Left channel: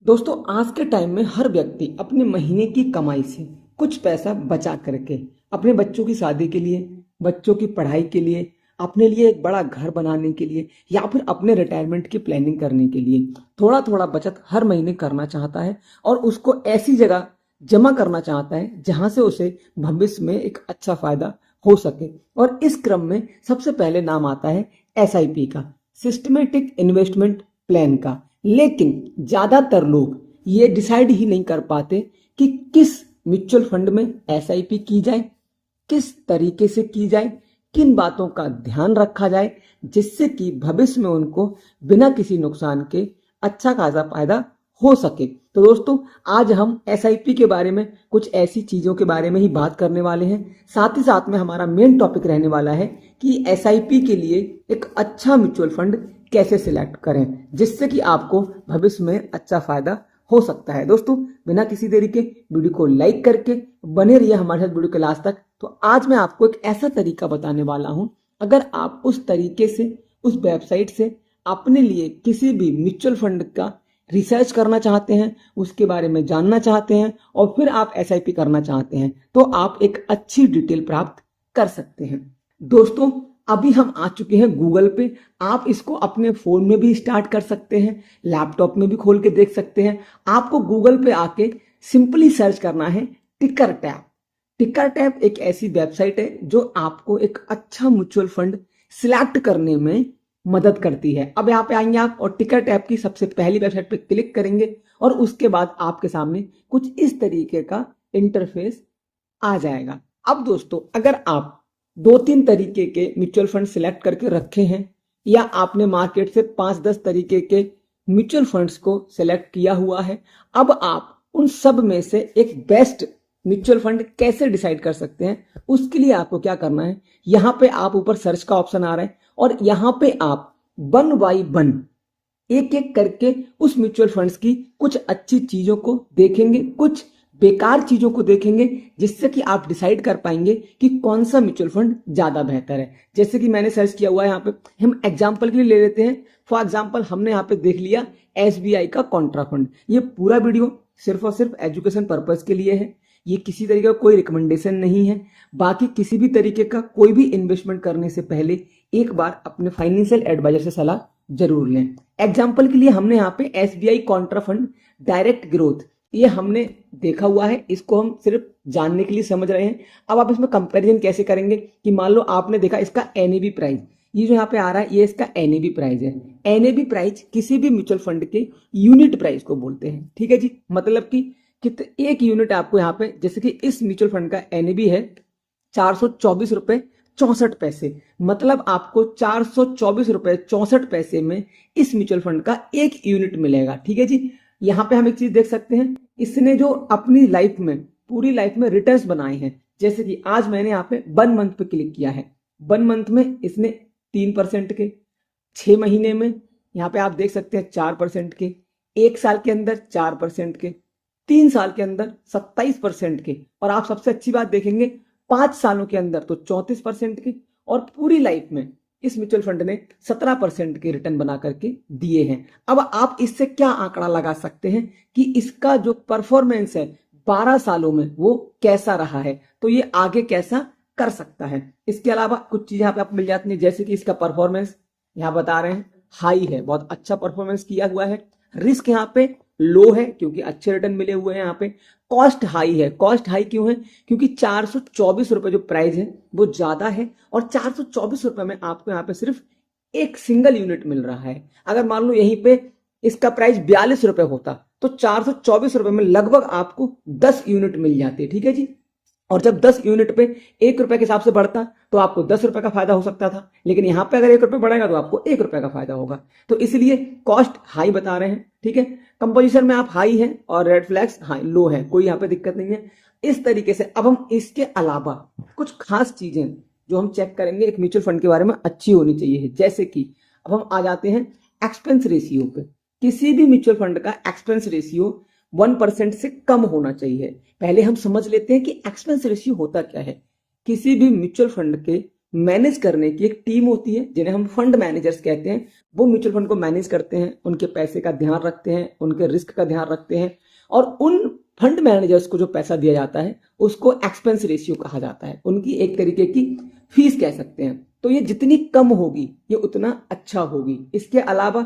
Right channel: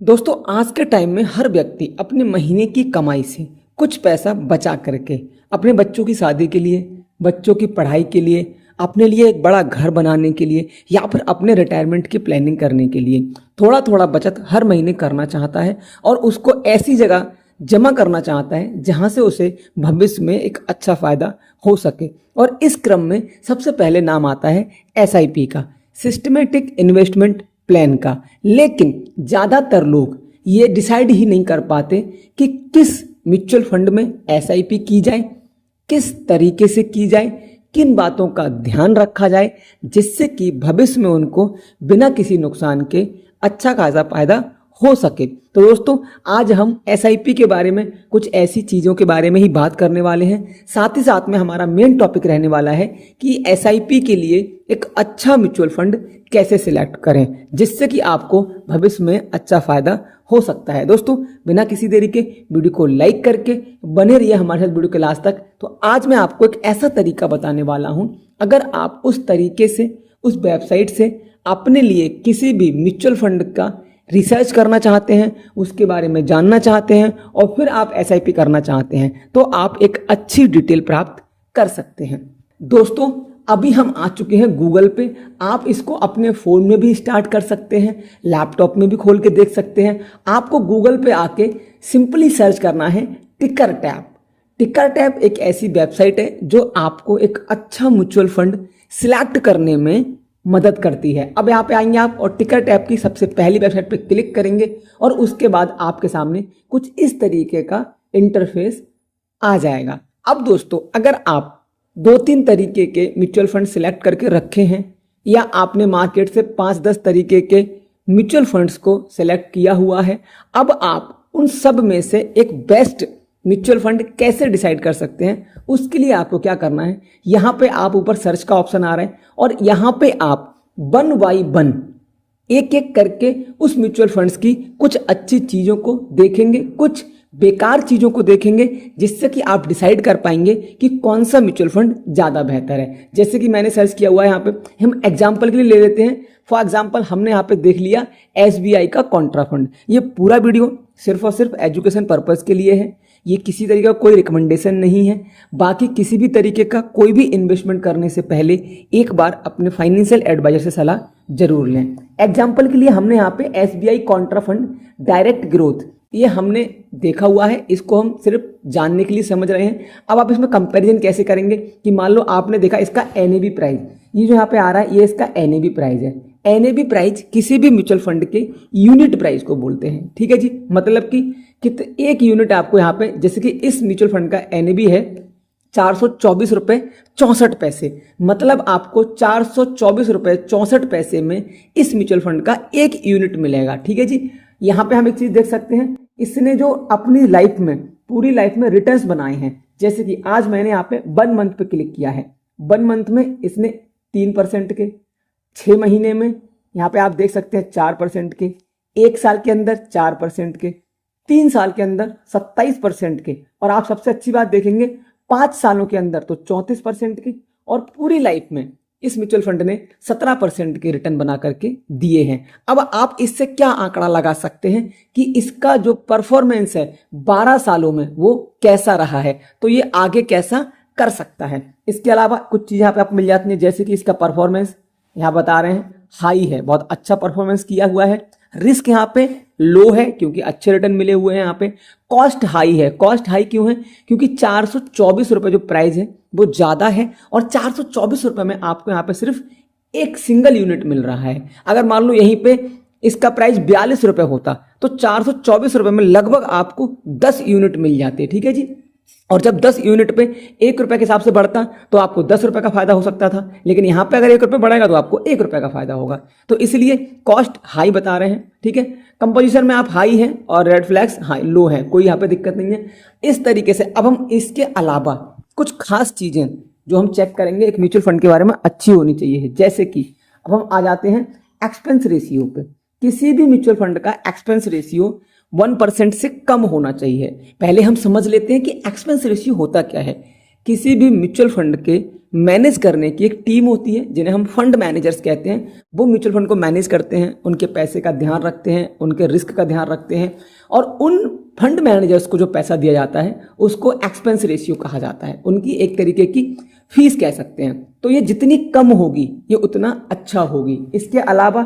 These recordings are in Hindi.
दोस्तों, आज के टाइम में हर व्यक्ति अपने महीने की कमाई से कुछ पैसा बचा करके अपने बच्चों की शादी के लिए, बच्चों की पढ़ाई के लिए, अपने लिए एक बड़ा घर बनाने के लिए या फिर अपने रिटायरमेंट की प्लानिंग करने के लिए थोड़ा थोड़ा बचत हर महीने करना चाहता है और उसको ऐसी जगह जमा करना चाहता है जहां से उसे भविष्य में एक अच्छा फायदा हो सके। और इस क्रम में सबसे पहले नाम आता है एसआईपी का, सिस्टमेटिक इन्वेस्टमेंट प्लान का। लेकिन ज़्यादातर लोग ये डिसाइड ही नहीं कर पाते कि किस म्यूचुअल फंड में एसआईपी की जाए, किस तरीके से की जाए, किन बातों का ध्यान रखा जाए जिससे कि भविष्य में उनको बिना किसी नुकसान के अच्छा खासा फायदा हो सके। तो दोस्तों, आज हम एसआईपी के बारे में कुछ ऐसी चीज़ों के बारे में ही बात करने वाले हैं। साथ ही साथ में हमारा मेन टॉपिक रहने वाला है कि एसआईपी के लिए एक अच्छा म्यूचुअल फंड कैसे सिलेक्ट करें जिससे कि आपको भविष्य में अच्छा फायदा हो सकता है। दोस्तों, बिना किसी देरी के वीडियो को लाइक करके बने रहिए हमारे साथ वीडियो के लास्ट तक। तो आज मैं आपको एक ऐसा तरीका बताने वाला हूं, अगर आप उस तरीके से, उस वेबसाइट से अपने लिए किसी भी म्यूचुअल फंड का रिसर्च करना चाहते हैं, उसके बारे में जानना चाहते हैं और फिर आप एसआईपी करना चाहते हैं, तो आप एक अच्छी डिटेल प्राप्त कर सकते हैं। दोस्तों, अभी हम आ चुके हैं गूगल पे। आप इसको अपने फ़ोन में भी स्टार्ट कर सकते हैं, लैपटॉप में भी खोल के देख सकते हैं। आपको गूगल पे आके सिंपली सर्च करना है टिकर टैप। टिकर टैप एक ऐसी वेबसाइट है जो आपको एक अच्छा म्यूचुअल फंड सिलेक्ट करने में मदद करती है। अब यहाँ पे आएंगे आप और टिकर टैप की सबसे पहली वेबसाइट पे क्लिक करेंगे और उसके बाद आपके सामने कुछ इस तरीके का इंटरफेस आ जाएगा। अब दोस्तों, अगर आप दो तीन तरीके के म्यूचुअल फंड सिलेक्ट करके रखे हैं या आपने मार्केट से 5-10 तरीके के म्यूचुअल फंड्स को सिलेक्ट किया हुआ है, अब आप उन सब में से एक बेस्ट म्यूचुअल फंड कैसे डिसाइड कर सकते हैं, उसके लिए आपको क्या करना है। यहाँ पे आप ऊपर सर्च का ऑप्शन आ रहा है और यहाँ पे आप 1 बाय 1 एक एक करके उस म्यूचुअल फंड्स की कुछ अच्छी चीजों को देखेंगे, कुछ बेकार चीजों को देखेंगे, जिससे कि आप डिसाइड कर पाएंगे कि कौन सा म्यूचुअल फंड ज्यादा बेहतर है। जैसे कि मैंने सर्च किया हुआ है, यहाँ पे हम एग्जांपल के लिए ले लेते हैं। फॉर एग्जांपल, हमने यहाँ पे देख लिया एसबीआई का कॉन्ट्रा फंड। ये पूरा वीडियो सिर्फ और सिर्फ एजुकेशन पर्पज के लिए है, ये किसी तरीके का कोई रिकमेंडेशन नहीं है। बाकी किसी भी तरीके का कोई भी इन्वेस्टमेंट करने से पहले एक बार अपने फाइनेंशियल एडवाइजर से सलाह जरूर लें। एग्जाम्पल के लिए हमने यहाँ पे SBI Contra fund direct growth, ये हमने देखा हुआ है, इसको हम सिर्फ जानने के लिए समझ रहे हैं। अब आप इसमें कंपैरिजन कैसे करेंगे कि मान लो आपने देखा इसका एनएबी प्राइस, ये जो यहाँ पे आ रहा है ये इसका एनएबी प्राइस है। एनएबी प्राइस किसी भी म्यूचुअल फंड के यूनिट प्राइस को बोलते हैं, ठीक है जी। मतलब कि एक यूनिट आपको यहाँ पे, जैसे कि इस म्यूचुअल फंड का एनएबी है 424 रुपये 64 पैसे, मतलब आपको 424 रुपये 64 पैसे में इस म्यूचुअल फंड का एक यूनिट मिलेगा, ठीक है जी। यहाँ पे हम एक चीज देख सकते हैं, इसने जो अपनी लाइफ में, पूरी लाइफ में रिटर्न्स बनाए हैं। जैसे कि आज मैंने यहाँ पे 1 मंथ पे क्लिक किया है, 1 मंथ में इसने 3% के, 6 महीने में यहाँ पे आप देख सकते हैं 4% के, 1 साल के अंदर 4% के, 3 साल के अंदर 27% के, और आप सबसे अच्छी बात देखेंगे 5 सालों के अंदर तो 34% की, और पूरी लाइफ में इस म्यूचुअल फंड ने 17% के रिटर्न बना करके दिए हैं। अब आप इससे क्या आंकड़ा लगा सकते हैं कि इसका जो परफॉर्मेंस है 12 सालों में वो कैसा रहा है, तो ये आगे कैसा कर सकता है। इसके अलावा कुछ चीजें यहाँ पे आपको मिल जाती हैं, जैसे कि इसका परफॉर्मेंस यहाँ बता रहे हैं हाई है, बहुत अच्छा परफॉर्मेंस किया हुआ है। रिस्क यहाँ पे लो है क्योंकि अच्छे रिटर्न मिले हुए हैं। यहाँ पे कॉस्ट हाई है। कॉस्ट हाई क्यों है? क्योंकि 424 रुपये जो प्राइस है वो ज्यादा है और 424 रुपये में आपको यहाँ पे सिर्फ एक सिंगल यूनिट मिल रहा है। अगर मान लो यहीं पे इसका प्राइस 42 रुपये होता तो 424 रुपये में लगभग आपको 10 यूनिट मिल जाते, ठीक है जी। और जब 10 यूनिट पे 1 रुपए के हिसाब से बढ़ता तो आपको 10 रुपए का फायदा हो सकता था, लेकिन यहां पे अगर 1 रुपए बढ़ेगा तो आपको 1 रुपए का फायदा होगा। तो इसलिए कॉस्ट हाई बता रहे हैं, ठीक है। कंपोजिशन में आप हाई है और रेड फ्लैग्स हाई लो है, कोई यहाँ पे दिक्कत नहीं है। इस तरीके से अब हम इसके अलावा कुछ खास चीजें जो हम चेक करेंगे एक म्यूचुअल फंड के बारे में अच्छी होनी चाहिए। जैसे कि अब हम आ जाते हैं एक्सपेंस रेशियो पे। किसी भी म्यूचुअल फंड का एक्सपेंस रेशियो 1% से कम होना चाहिए। पहले हम समझ लेते हैं कि एक्सपेंस रेशियो होता क्या है। किसी भी म्यूचुअल फंड के मैनेज करने की एक टीम होती है जिन्हें हम फंड मैनेजर्स कहते हैं। वो म्यूचुअल फंड को मैनेज करते हैं, उनके पैसे का ध्यान रखते हैं, उनके रिस्क का ध्यान रखते हैं, और उन फंड मैनेजर्स को जो पैसा दिया जाता है उसको एक्सपेंस रेशियो कहा जाता है, उनकी एक तरीके की फीस कह सकते हैं। तो ये जितनी कम होगी ये उतना अच्छा होगी। इसके अलावा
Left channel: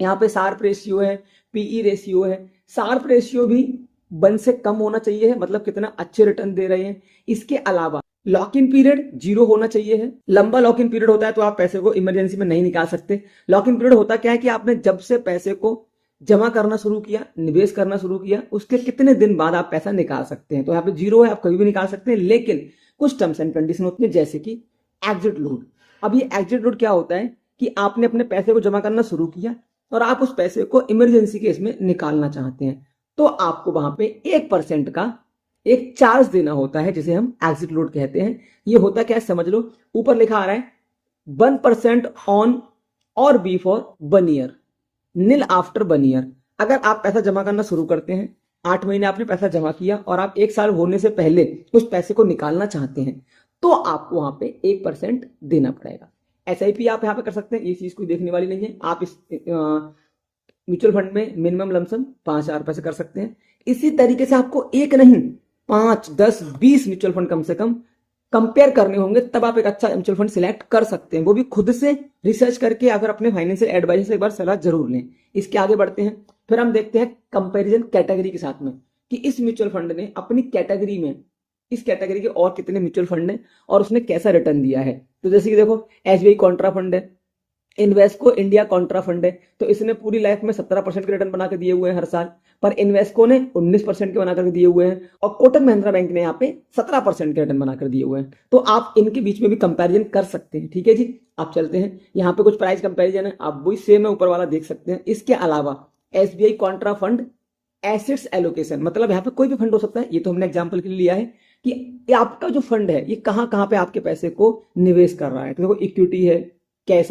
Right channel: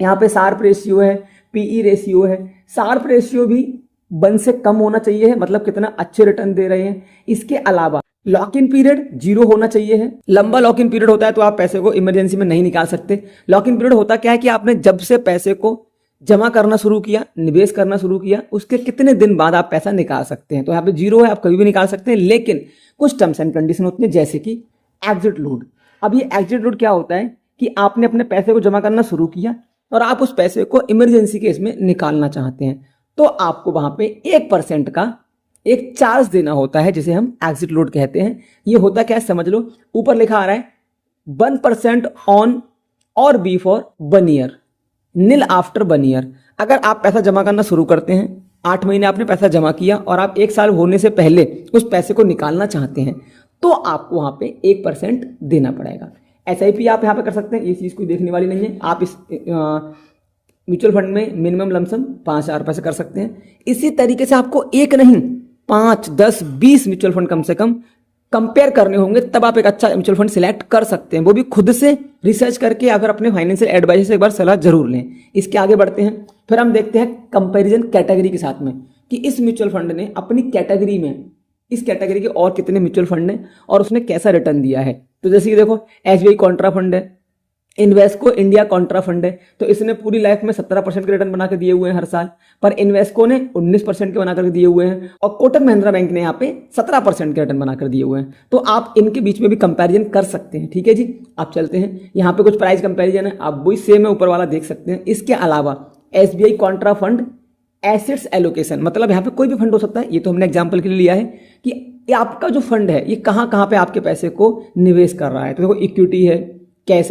यहाँ पे शार्प रेशियो है, पीई रेशियो है। शार्प रेशियो भी 1 से कम होना चाहिए है, मतलब कितना अच्छे रिटर्न दे रहे हैं। इसके अलावा लॉक इन पीरियड 0 होना चाहिए है। लंबा लॉक इन पीरियड होता है तो आप पैसे को इमरजेंसी में नहीं निकाल सकते। लॉक इन पीरियड होता क्या है कि आपने जब से पैसे को जमा करना शुरू किया, निवेश करना शुरू किया, उसके कितने दिन बाद आप पैसा निकाल सकते हैं। तो यहाँ पे 0 है, आप कभी भी निकाल सकते हैं, लेकिन कुछ टर्म्स एंड कंडीशन होती है, जैसे कि एग्जिट लोड। अब ये एग्जिट लोड क्या होता है कि आपने अपने पैसे को जमा करना शुरू किया और आप उस पैसे को इमरजेंसी केस में निकालना चाहते हैं, तो आपको वहां पे 1% का एक चार्ज देना होता है, जिसे हम एग्जिट लोड कहते हैं। ये होता क्या है समझ लो, ऊपर लिखा आ रहा है 1% ऑन और be for 1 year, nil after 1 year. अगर आप पैसा जमा करना शुरू करते हैं, 8 महीने आपने पैसा जमा किया और आप 1 साल होने से पहले उस पैसे को निकालना चाहते हैं, तो आपको वहां पे 1% देना पड़ेगा। एसआईपी आप यहाँ पे कर सकते हैं, ये चीज कोई देखने वाली नहीं है। आप इस म्यूचुअल फंड में मिनिमम लमसम 5,000 रुपए से कर सकते हैं। इसी तरीके से आपको एक नहीं 5, 10, 20 म्यूचुअल फंड कम से कम कंपेयर करने होंगे, तब आप एक अच्छा म्यूचुअल फंड सिलेक्ट कर सकते हैं, वो भी खुद से रिसर्च करके। अगर अपने फाइनेंशियल एडवाइजर से एक बार सलाह जरूर लें। इसके आगे बढ़ते हैं, फिर हम देखते हैं कंपैरिजन कैटेगरी के साथ में कि इस म्यूचुअल फंड ने अपनी कैटेगरी में, इस कैटेगरी के और कितने म्यूचुअल फंड हैं और उसने कैसा रिटर्न दिया है। तो जैसे कि देखो, एसबीआई कॉन्ट्रा फंड है, इन्वेस्को इंडिया कॉन्ट्रा फंड है, तो इसने पूरी लाइफ में 17% के रिटर्न बना के दिए हुए हैं हर साल, पर इन्वेस्को ने 19% के बनाकर दिए हुए हैं, और कोटक महिंद्रा बैंक ने यहाँ पे 17% के रिटर्न बनाकर दिए हुए हैं। तो आप इनके बीच में भी कंपैरिजन कर सकते हैं। ठीक है जी, आप चलते हैं, यहाँ पे कुछ प्राइस कंपैरिजन है, आप वही सेम है ऊपर वाला देख सकते हैं। इसके अलावा SBI Contra fund assets allocation, मतलब यहाँ पे कोई भी फंड हो सकता है, ये तो हमने एग्जाम्पल के लिए लिया है कि आपका जो फंड है ये कहाँ कहाँ पे आपके पैसे को निवेश कर रहा है। तो देखो, इक्विटी है, कैश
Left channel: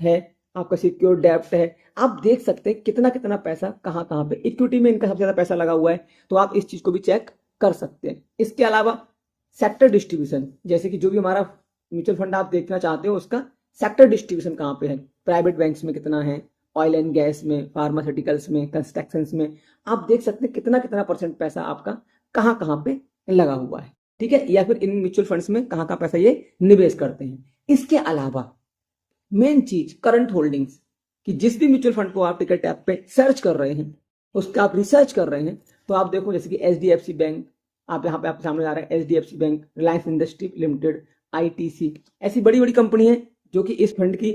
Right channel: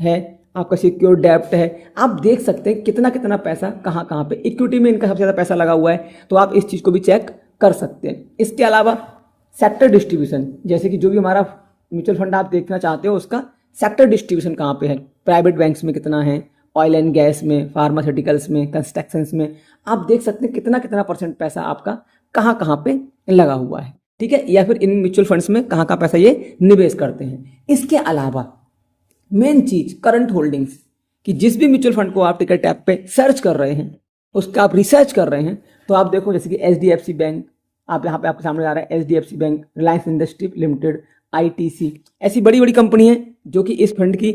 है, आपका सिक्योर डेब्ट है, आप देख सकते हैं कितना कितना पैसा कहाँ कहाँ पे। इक्विटी में इनका सबसे ज़्यादा पैसा लगा हुआ है, तो आप इस चीज़ को भी चेक कर सकते हैं। इसके अलावा सेक्टर डिस्ट्रीब्यूशन, जैसे कि जो भी हमारा म्यूचुअल फंड आप देखना चाहते हो उसका सेक्टर डिस्ट्रीब्यूशन कहाँ पे है, प्राइवेट बैंक्स में कितना है, ऑयल एंड गैस में, फार्मास्यूटिकल्स में, कंस्ट्रक्शंस में, आप देख सकते हैं कितना कितना % पैसा आपका कहाँ कहाँ पे लगा हुआ है। ठीक है, या फिर इन म्यूचुअल फंड्स में कहाँ कहाँ पैसा ये निवेश करते हैं। इसके अलावा मेन चीज करंट होल्डिंग्स, कि जिस भी म्यूचुअल फंड को आप टिकट टैप पे सर्च कर रहे हैं, उसका आप रिसर्च कर रहे हैं, तो आप देखो जैसे कि एचडीएफसी बैंक, आप यहाँ पे आपके सामने आ रहा है HDFC bank, Reliance industry limited, ITC, ऐसी बड़ी बड़ी कंपनी है जो कि इस फंड की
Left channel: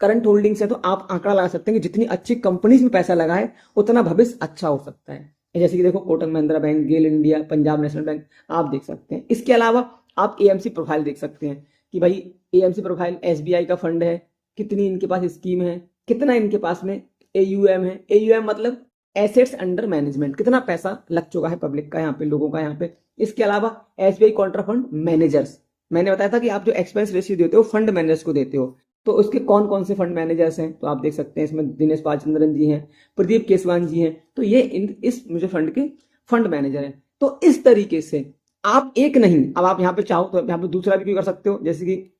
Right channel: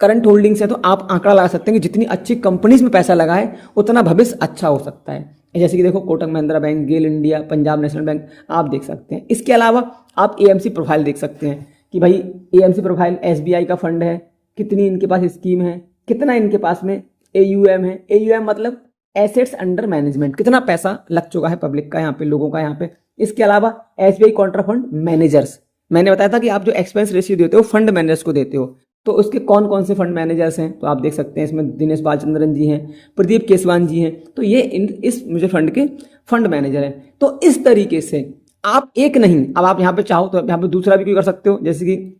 करंट होल्डिंग्स है। तो आप आंकड़ा लगा सकते हैं कि जितनी अच्छी कंपनीज में पैसा लगा है उतना भविष्य अच्छा हो सकता है। जैसे कि देखो, कोटक महिंद्रा बैंक, गेल इंडिया, पंजाब नेशनल बैंक, आप देख सकते हैं। इसके अलावा आप एएमसी प्रोफाइल देख सकते हैं कि भाई एएमसी प्रोफाइल एसबीआई का फंड है, कितनी इनके पास स्कीम है, कितना इनके पास में एयूएम है। एयूएम मतलब एसेट्स अंडर मैनेजमेंट, कितना पैसा लग चुका है पब्लिक का यहाँ पे, लोगों का यहाँ पे। इसके अलावा एसबीआई कॉन्ट्रा फंड मैनेजर्स, मैंने बताया था कि आप जो एक्सपेंस रेशियो देते हो फंड मैनेजर्स को देते हो, तो उसके कौन कौन से फंड मैनेजर्स हैं, तो आप देख सकते हैं इसमें दिनेश बालचंद्रन जी हैं, प्रदीप केसवान जी हैं, तो ये इस म्यूचुअल फंड के फंड मैनेजर हैं। तो इस तरीके से आप एक नहीं, अब आप यहाँ पे चाहो तो यहाँ पे दूसरा भी कोई कर सकते हो, जैसे कि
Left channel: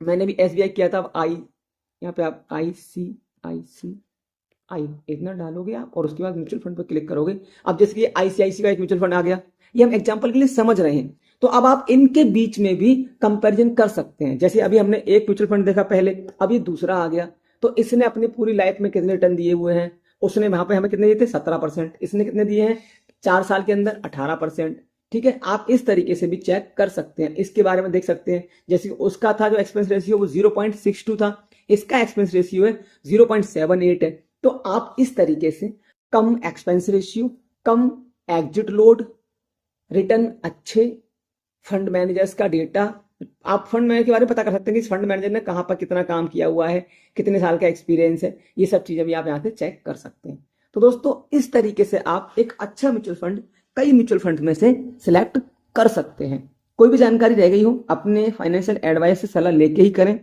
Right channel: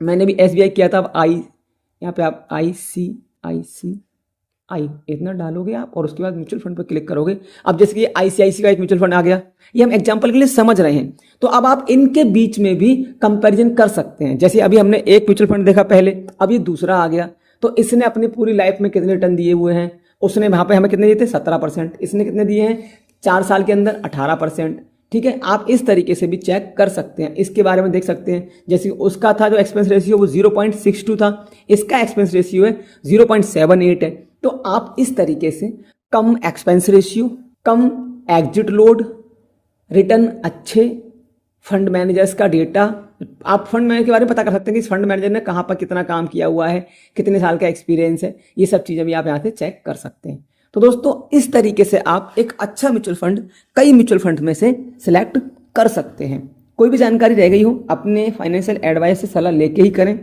मैंने भी एसबीआई किया था। अब यहाँ पे आप ICICI इतना डालोगे आप, और उसके बाद म्यूचुअल फंड पर क्लिक करोगे। अब जैसे कि ICICI का एक म्यूचुअल फंड आ गया, ये हम एग्जांपल के लिए समझ रहे हैं। तो अब आप इनके बीच में भी कंपैरिजन कर सकते हैं। जैसे अभी हमने एक म्यूचुअल फंड देखा पहले, अब ये दूसरा आ गया, तो इसने अपनी पूरी लाइफ में कितने रिटर्न दिए हुए हैं, उसने वहां पे हमें कितने दिए थे 17%, इसने कितने दिए हैं 4 साल के अंदर 18%। ठीक है, आप इस तरीके से भी चेक कर सकते हैं, इसके बारे में देख सकते हैं। जैसे उसका था जो एक्सपेंस रेशियो वो 0.62 था, इसका एक्सपेंस रेशियो है 0.78 है। तो आप इस तरीके से कम एक्सपेंस रेशियो, कम एग्जिट लोड, रिटर्न अच्छे, फंड मैनेजर्स का डेटा, आप फंड मैनेजर के बारे में पता कर सकते हैं कि इस फंड मैनेजर ने कहाँ पर कितना काम किया हुआ है, कितने साल का एक्सपीरियंस है, ये सब चीज़ें भी आप यहाँ से चेक कर सकते हैं। तो दोस्तों, इस तरीके से आप एक अच्छा म्यूचुअल फंड कई म्यूचुअल फंड में से सिलेक्ट कर सकते हैं। कोई भी जानकारी रह गई हो अपने फाइनेंशियल एडवाइस से सलाह लेके ही करें।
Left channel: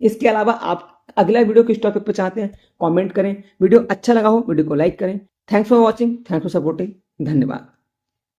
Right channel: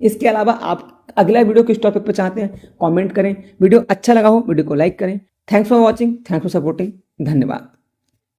इसके अलावा आप अगला वीडियो किस टॉपिक पे चाहते हैं कमेंट करें। वीडियो अच्छा लगा हो वीडियो को लाइक करें। Thanks for watching, thanks for supporting, धन्यवाद।